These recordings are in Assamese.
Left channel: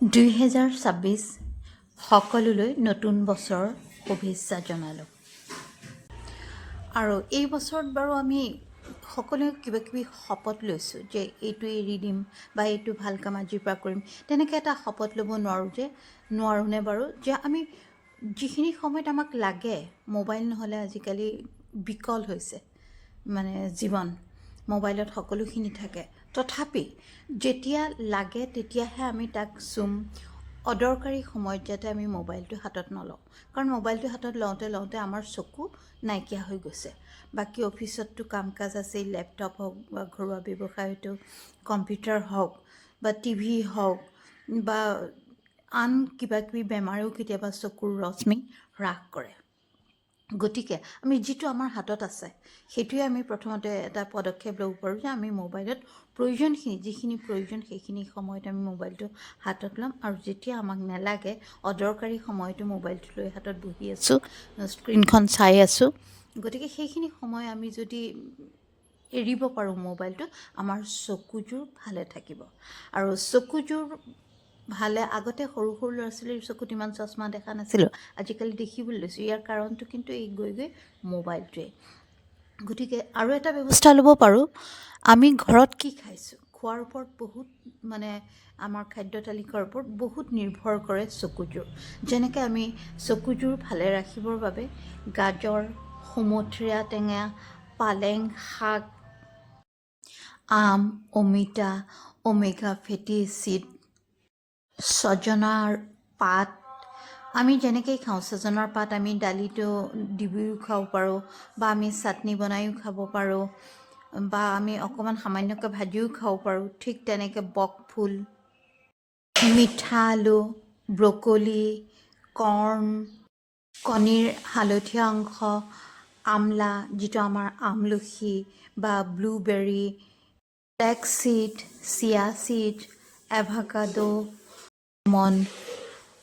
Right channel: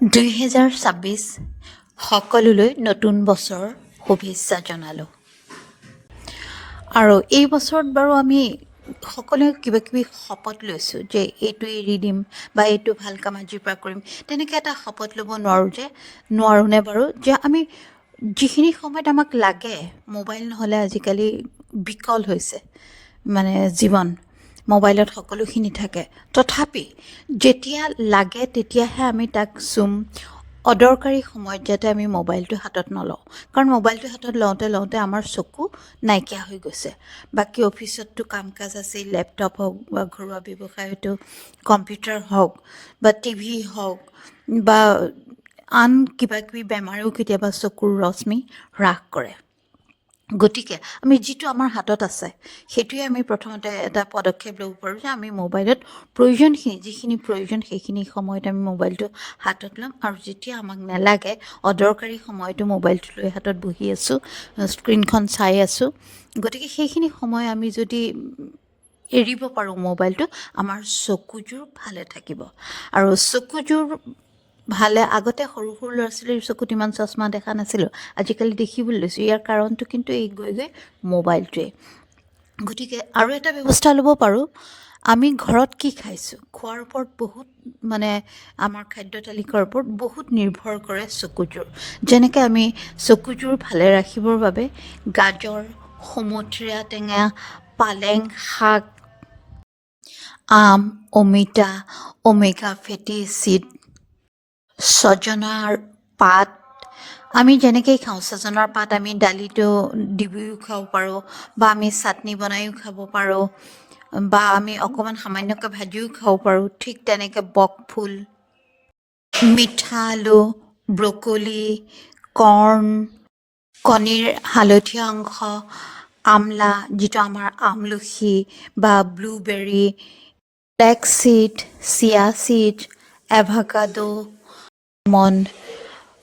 2026 সকলোলৈ নতুন বছৰ শুভেচ্ছা জনালোঁ। আৰু এই বছৰত বাৰু আমি সকলোৱে কিবা কিবি শপত লৈছোঁ যে এইটো এৰি দিম বা এইটো ভাল কাম আজিৰ পৰা কৰিম, তেনেকৈ এটা শপত ল'ব নোৱাৰোঁনে বাৰু যে আমি যিখিনি সময়ত আমাক লাগে, মোবাইল নহ'লে আজিকালি বিকল হৈছে মানে জীৱন, মোবাইলত সকলোখিনি থাকে, তথাপি যেতিয়া লাগে তেতিয়াহে আমি তাক চুম, অদৰকাৰী সময়ত যাতে আমি মোবাইলটো হাতত নলওঁ, কাৰণ মোবাইলটো হাতত লওঁতে আমাৰ চকু নাইকিয়া হৈ গৈছে। বাকী অফিচততো কাম কাজ আছেই, লেপটপ হওক বা ঘৰুৱা ব্যৱসায় হয়তো কম্পিউটাৰ হওক বা টিভি হওক বা আন কিবা কিবি বেমাৰেও কেতিয়াবা চকুৰ ৰশ্মি হ্ৰাস কৰে। গতিকে আমি যিটো আমাৰ হাতত আছে সেইটোৱে আমি প্ৰথমতে এটা পদক্ষেপ ল'ব পাৰোঁ যে আমি মোবাইলত যিখিনি প্ৰয়োজন সেইখিনি সময়ত আমি মোবাইলটো হাতত ল'ম, আৰু যেতিয়া আমাক নালাগে অদৰকাৰী সময়তো মোবাইলটো লৈ হাতত বহি আছোঁ, স্ক্ৰীণখন চাই আছোঁ, গতিকে সেইখিনি সময় আমি যদি এৰিব পাৰোঁ মোবাইলটো, আমাৰ চকুযোৰ ভালে থাকিব। আৰু চকুযোৰ ভালে, আগতে সৰু সৰু ল'ৰা ছোৱালীৰ চকুত ইমান চশমা দেখা নাছিলোঁ, আজিকালি দেখিবলৈ লৈছোঁ। ইয়াৰ কাৰণটো কিন্তু এই গৈ মোবাইলটোৱেই। গতিকে আৰু এটা ব্যৱস্থা ল'ব পাৰোঁ, আমি ঘৰত কি খাইছোঁ, খোৱাৰ ওপৰত বহুত আমাৰ খাদ্য তালিকাৰ ওপৰত বহুত নিৰ্ভৰ কৰে চকুযোৰ। যেনেকৈ আমি চকুযোৰ ভালে ৰাখিবৰ বাবে গাজৰ, সুমথিৰা টেঙা, পালেং শাক, আম, অমিতা, ওমেগা ফেটি এচিড, ছজনাৰ পাত, আমি যেনেকৈ খাওঁ, ছজনাৰ পাত আমি দালিতো দিও খাব পাৰোঁ, বা আমি চাটনি বনাইও খাব পাৰোঁ, বা আমি অকণমান সামান্যকৈ ভাজিও খাব পাৰোঁ। ঠিক তেনেকৈ বকফুল, মিঠা আলু, ব্ৰকলি, কৰ্ণ, কণীৰ হালধীয়া অংশ, আমলা যিটো আমাৰ আমলখি বা ব্লুবেৰী, ব্লেক চিড, চিয়া চিড, এভাকাডো,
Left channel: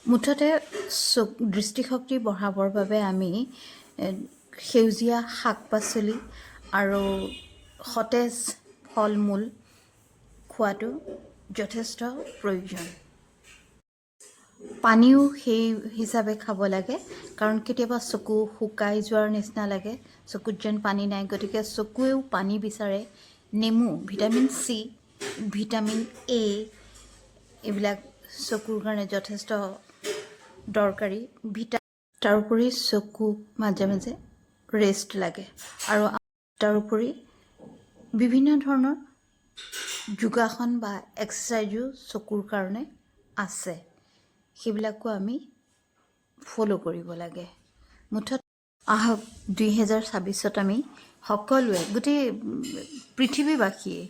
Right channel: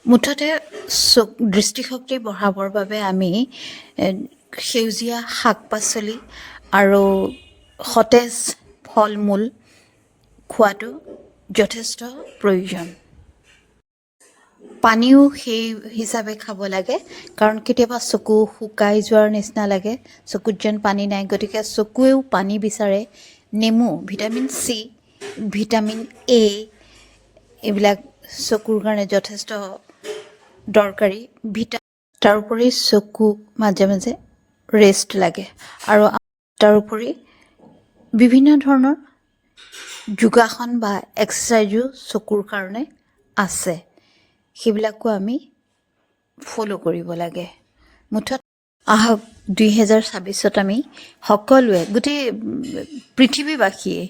মুঠতে দৃষ্টিশক্তি বঢ়াবৰ বাবে আমি সেউজীয়া শাক পাচলি আৰু সতেজ ফল মূল খোৱাটো যথেষ্ট প্ৰয়োজন। পানীও সেই হিচাপে খাব লাগে, কাৰণ কেতিয়াবা চকু শুকাই যোৱাৰ নিচিনা লাগে, চকুত যেন পানী নাই, গতিকে চকুৱেও পানী বিচাৰে। নেমু, ভিটামিন চি, ভিটামিন এ, এইবিলাক চকুৰ কাৰণে যথেষ্ট দৰকাৰী। তাৰোপৰি চকুক মাজে মাজে ৰেষ্ট লাগে, আৰু তাৰোপৰি বিভিন্ন ধৰণৰ যোগাসন বা এক্সাৰচাইজো চকুৰ কাৰণে আছে, সেইবিলাকো আমি ফ'ল' কৰিব লাগে। মুঠত আহক 2026ত আমি সকলোৱে, গোটেই পৃথিৱীবাসীয়ে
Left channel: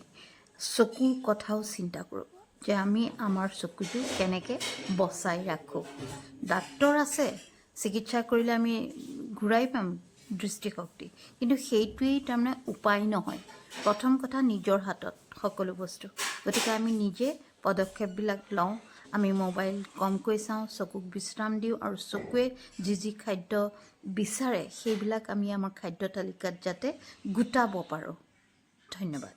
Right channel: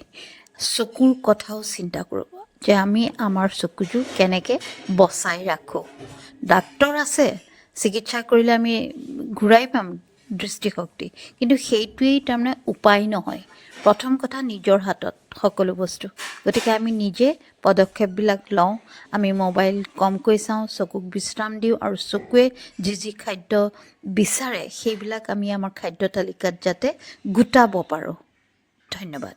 চকুৰ কথাও চিন্তা কৰোঁ যে আমি আমাৰ চকুযোৰ কেনেকৈ বচাই ৰাখোঁ। ডাক্তৰ আছে, চিকিৎসা কৰিলে আমি ঘূৰাই পাম দৃষ্টিশক্তি, কিন্তু সেইটোৱেই তাৰমানে উপায় নহয়। প্ৰথম কথা, নিজৰ হাতত সকলো বস্তু। গতিকে আমি নিজে পদক্ষেপবিলাক লওঁ, আমি মোবাইল কমকৈ চাওঁ, চকুক বিশ্ৰাম দিওঁ, আৰু চকুৱে যি খাদ্য বিচাৰে সেইবিলাক আমি আমাৰ খাদ্য তালিকাত যাতে গোটাব পাৰোঁ। ধন্যবাদ।